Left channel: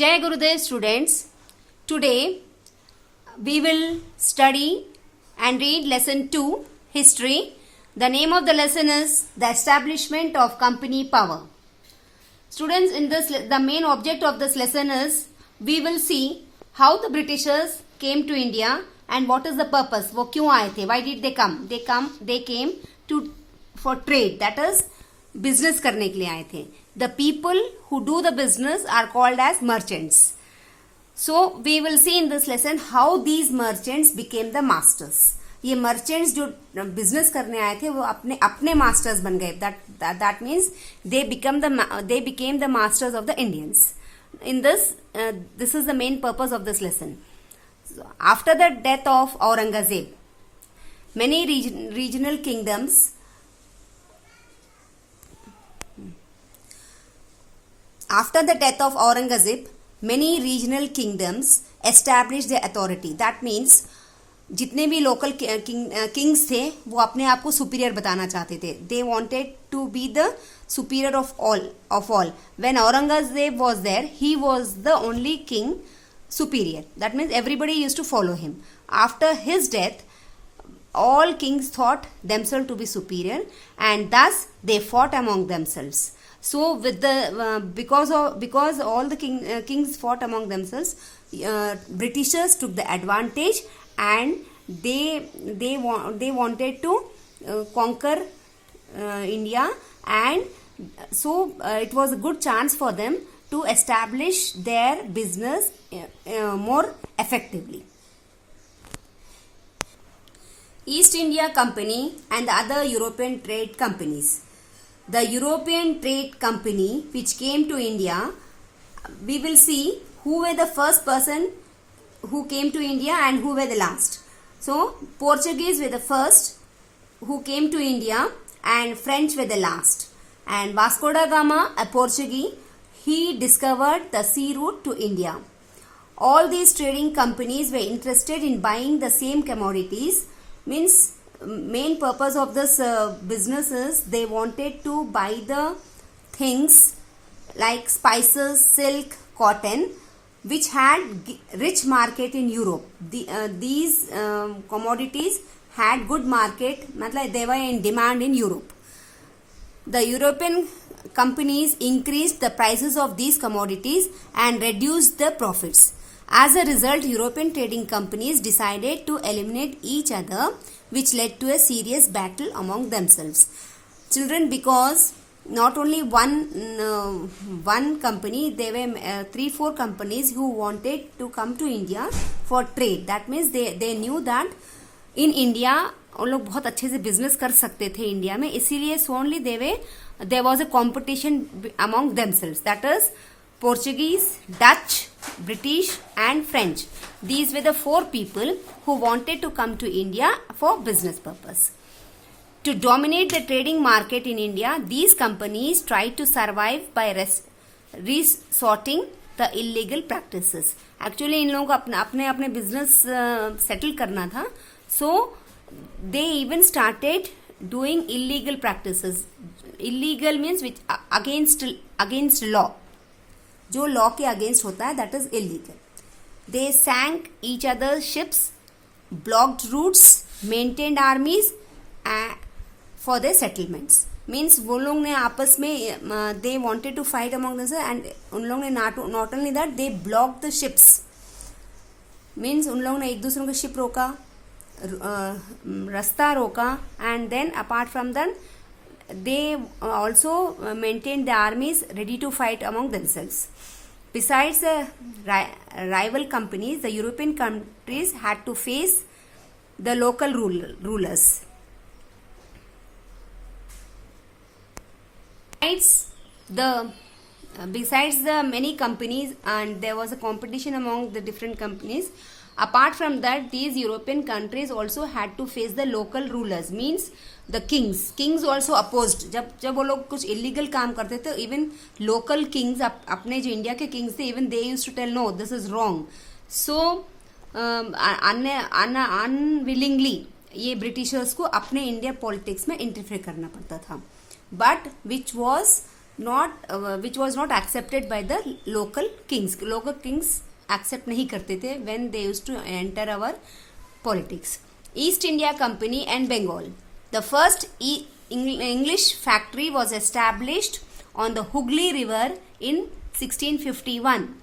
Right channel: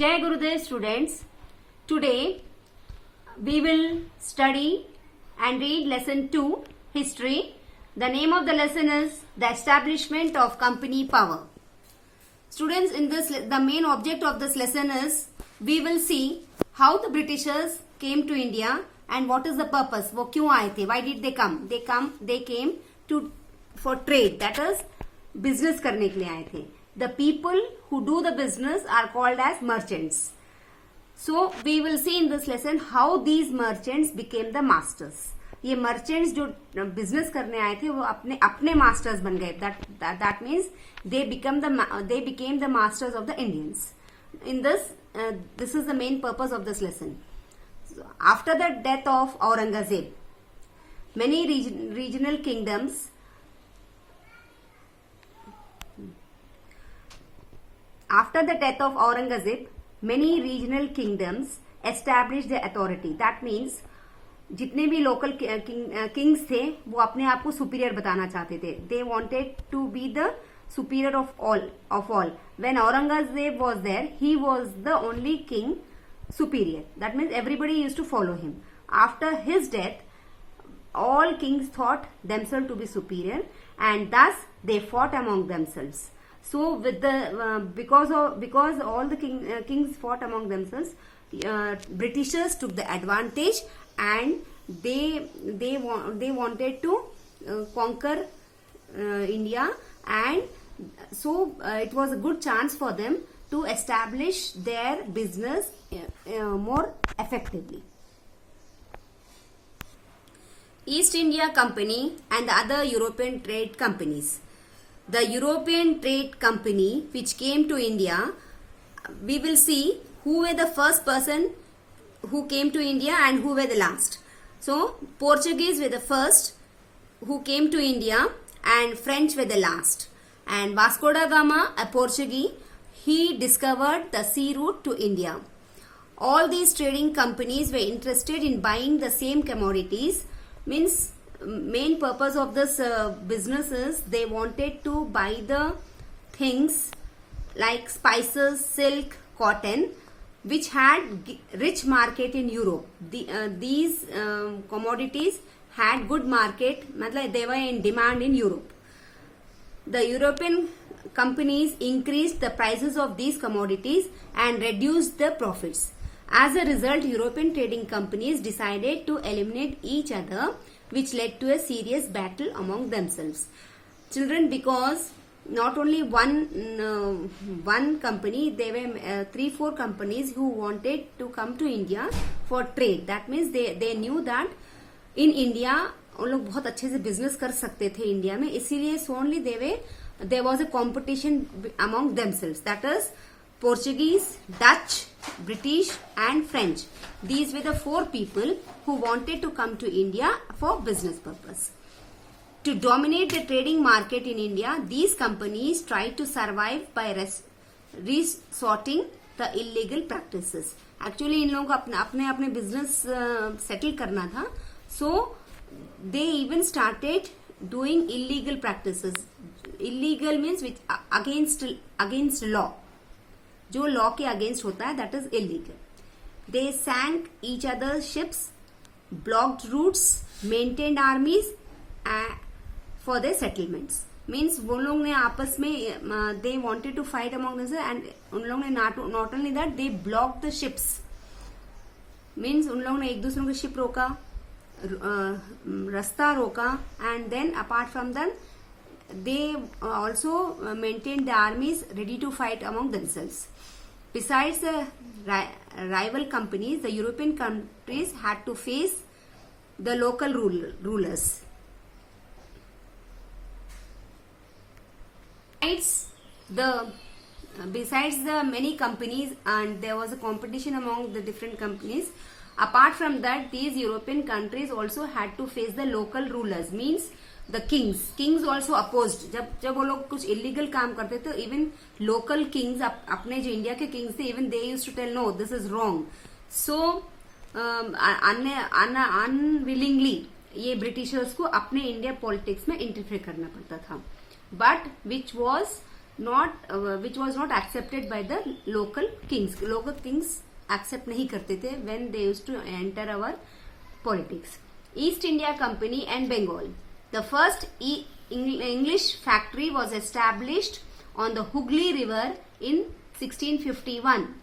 Jai Gurudev students, today we will study and read lesson 2 history. The name of the lesson is the establishment of company power. Students, in this the main object of this lesson is we will see how the Britishers came to India and what is the purpose. वो क्यों आए थे? Why did they come? They came to for trade, that is business करने के लिए आए थे. The people who do the business are called as merchants. So we will see in this lesson how these merchants became the masters. ये merchants जो business करने आए थे वो अपने masters बन गए. That means they became the masters of the Indians. In this is the main purpose of this lesson. So, after the death of Aurangzeb, many regional kingdoms established their authority. That means जितने भी local kings थे वो अपने आप को superior बताना चाहते थे. They wanted to be the superior of all. When Aurangzeb was there, he was the only king superior. That means everybody used to follow him. After his death, all kings thought themselves to be superior, and thus they fought among themselves. So with the because all the kings fought among themselves, Britishers took the advantage and they wanted to conquer India, and so it was a good chance for them to establish their business more effectively. East India Company and the other European trade companies. The European Trade Company which came to India, we will see who were the first person who came to India and who were the last. So, Portuguese were the first who came to India and French were the last. And Vasco da Gama, a Portuguese, he discovered the sea route to India. All these trading companies were interested in buying the same commodities. Means main purpose of this business is they wanted to buy the things like spices, silk, cotton, which had rich market in Europe. These commodities had good market, matlab they were in demand in Europe. The European companies increased the prices of these commodities and reduced the profits. As a result, European trading companies decided to eliminate each other, which led to a serious battle among themselves. Children, because not only one company, there were 3-4 companies who wanted to come to India for trade. That means they knew that in India वो लोग बहुत अच्छे से business कर सकते थे India में, इसीलिए only there was a competition among themselves. That is Portuguese, Dutch, British and French. These were the 4 people who wanted to come to India for business purpose. To dominate the trading market in India, these companies tried to survive by resorting the illegal practices. Actually, इन लोगों को अपने business settle करना था. So, they even started doing illegal practices. Illegal means which against law. जो law के against होता है, that is illegal. They sank each other ships, blocked routes, maintained armies for their settlements. Means वो लोग ने आपस में they wanted to fight among themselves and उन लोगों ने not only that they block the ships. Means उन लोगों ने एक दूसरे को शिप रोका, रास्ता रोका, and then apart from that they also maintained the armies ready to fight among themselves. Besides the rival companies, the European countries had to face the local rulers. Besides the many companies, and there was a competition among the different companies. Apart from that, these European countries also had to face the local rulers, means the kings. Kings also opposed. जब वो लोग कुछ illegal काम करते थे, even local kings अपने जो India के kings थे, even they used to tell no, this is wrong. So unwillingly ये Britishers को अपने इंडिया पॉलिटिक्स में इंटरफेयर करना पड़ता था. But which was which was not accepted by the local kings. Local kings accept नहीं करते थे when they used to enter our politics. East India Company and Bengal. The first English factory was established on the Hooghly River in 1651.